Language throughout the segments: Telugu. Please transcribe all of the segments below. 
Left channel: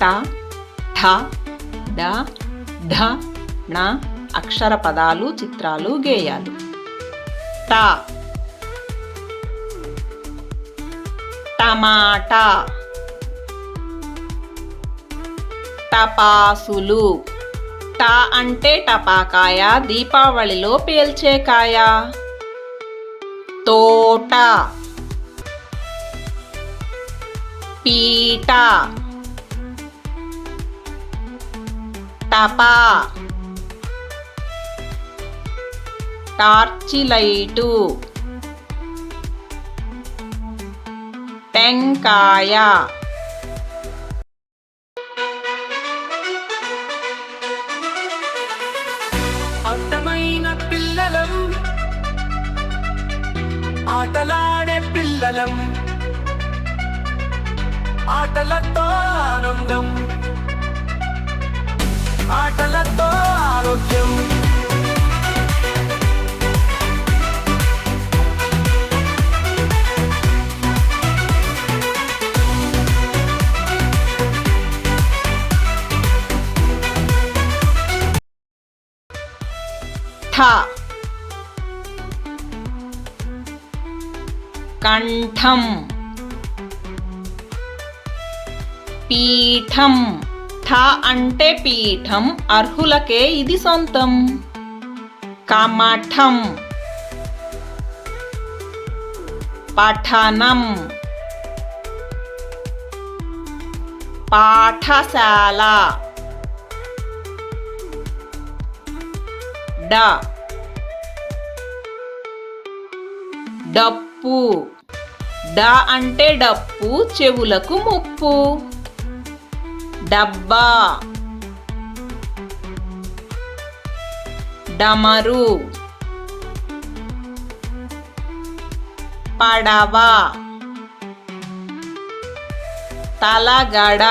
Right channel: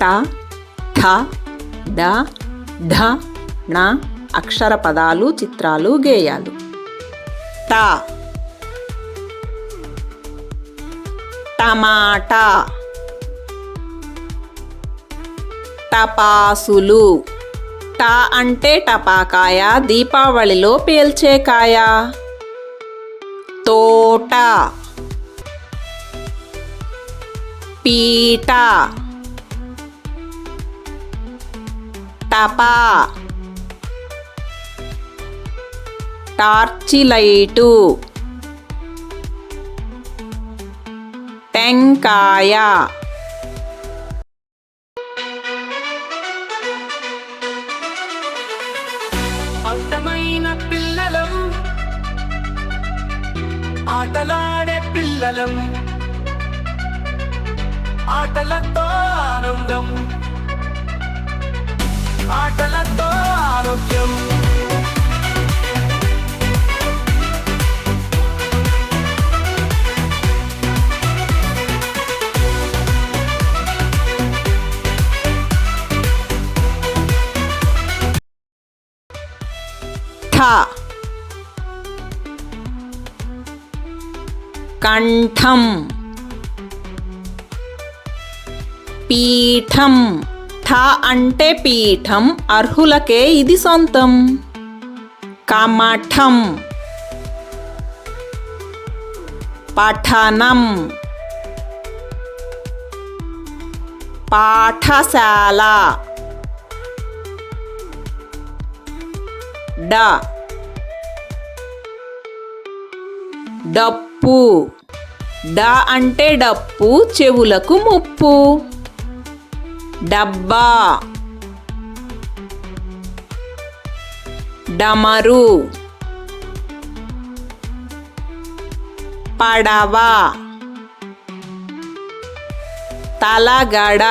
ట ఠ డ ఢ ణ అక్షర పదాలు, చిత్రాలు, గేయాలు. ట టమాటా, టపాసులు. ట అంటే టపాకాయ, దీపావళిలో పేల్చే కాయ. తోట, పీట, టపా, టార్చి లైటు, టెంకాయ. అందమైన పిల్లలం, ఆటలాడే పిల్లలం, ఆటలతో ఆనందం, ఆటలతో ఆరోగ్యం. కంఠం, పీఠం. ఠ అంటే పీఠం, అర్హులకే ఇది సొంతం. కమఠం, పఠనం, పాఠశాల. డప్పు. డ అంటే డప్పు, చెవులకు ముప్పు. డబ్బా, డమరు, పడవ, తలగడ.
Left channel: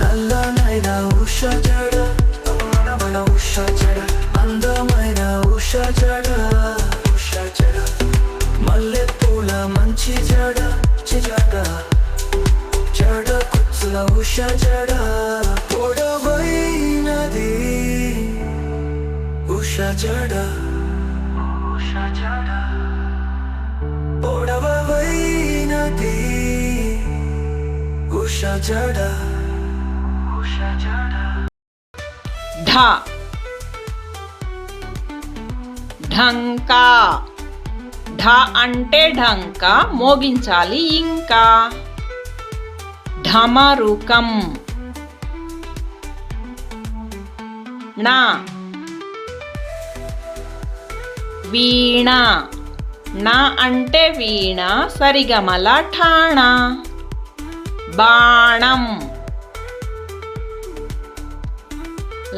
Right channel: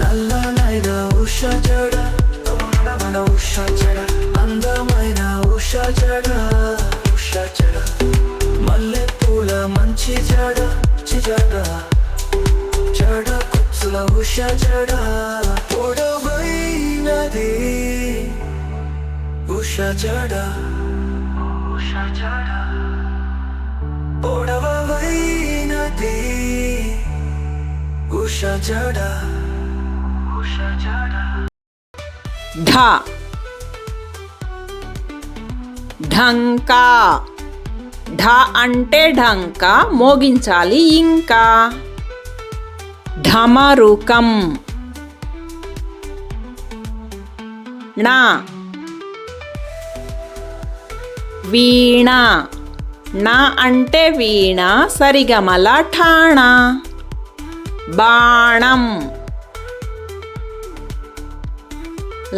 నల్లనైన ఉష జడ, అందమైన ఉష జడ, అందమైన ఉష జడ, ఉష జడ. మల్లెపూల మంచి జడ, చిజడ, జడ కుచ్చుల ఉష జడ. పొడవైనది ఉష జడ, ఉష జడ. పొడవైనది ఉష జడ, ఉష జడ. ఢ ఢంకా. ఢ అంటే ఢంకా, మోగించాలి ఇంకా. ఢమరుకం. ణ వీణ. న అంటే వీణ, సరిగమల ఠాణ. బాణం,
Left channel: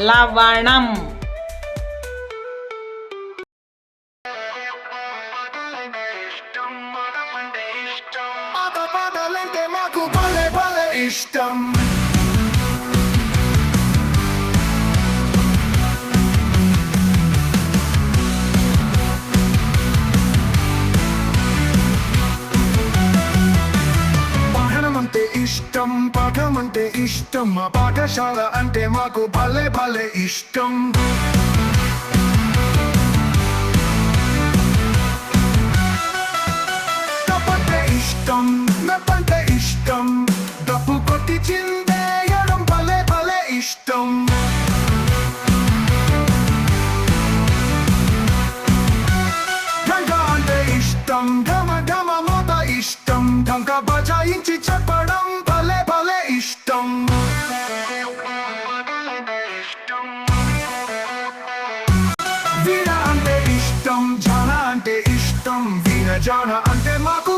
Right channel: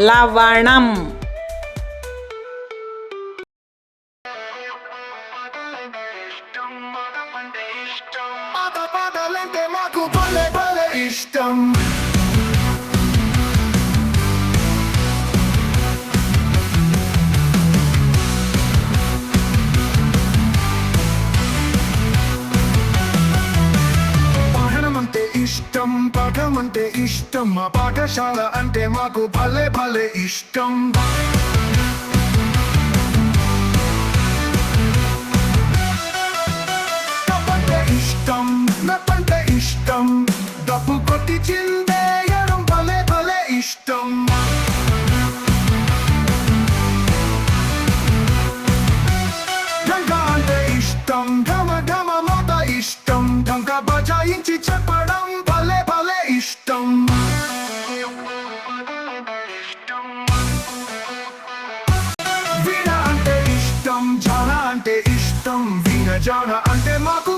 లవణం. పాటలంటే మాకు భలే భలే ఇష్టం. పాఠం అంటే ఇష్టం, పాఠం అంటే ఇష్టం. మా పాఠశాల అంటే మాకు భలే భలే ఇష్టం. ఇష్టం మెప్పంటే ఇష్టం, డబ్బు కొట్టి చిందేయడం భలే భలే ఇష్టం. ఢంకా అంటే ఇష్టం, ఢమ ఢమ మోత ఇష్టం, ఢంకా బజాయించి చెప్పడం భలే భలే ఇష్టం. వీణ అంటే ఇష్టం, జాన అంటే ఇష్టం, వీణ జాన అంటే మాకు